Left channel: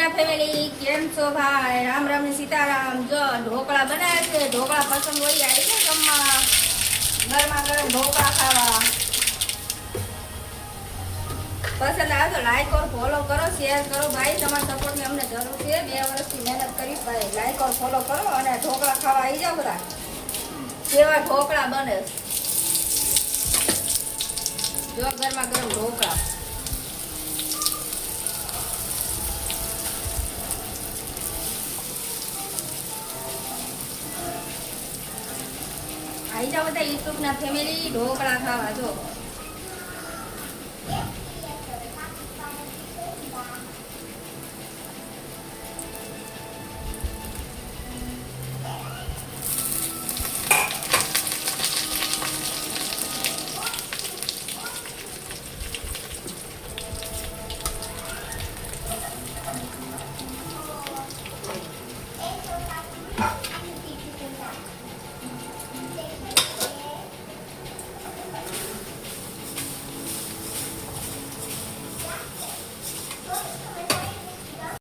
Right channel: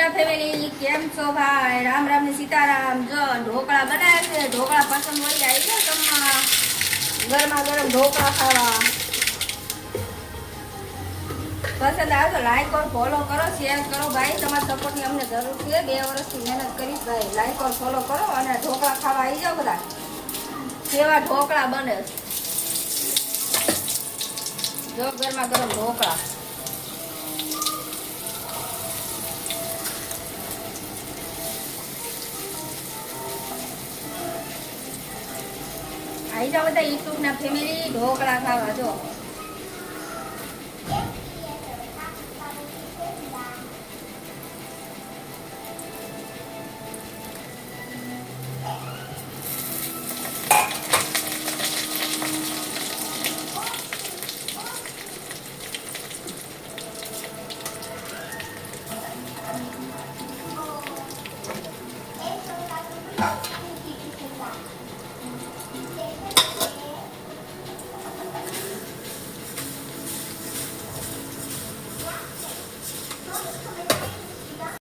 યુટ્યુબના family કેમ છો ભાઈ? રામ રામ ને સીતારામ. જો ઢોકળા બનાવે છે. ઢોકળા પસંદ હોય આવી છે જમવા, ગરમા ગરમ ઢોકળા ખાવા. પસંદ આવે તો લાઈક કરો, ફોલો કરો, શેર કરો ભાઈ. તમારા સપોર્ટની અમને જરૂર છે. 2 વર્ષથી મહેનત કરીશ ભાઈ. લાઈક કરો, ફોલો કરો અને ઢોકળા ખાવા આવી જાઓ બધા. કેવા ઢોકળા બને જો ગરમા ગરમ ઢોકળા. આવી જાઓ બધા યુટ્યુબના ફેમિલી ઢોકળા ખાવા. જો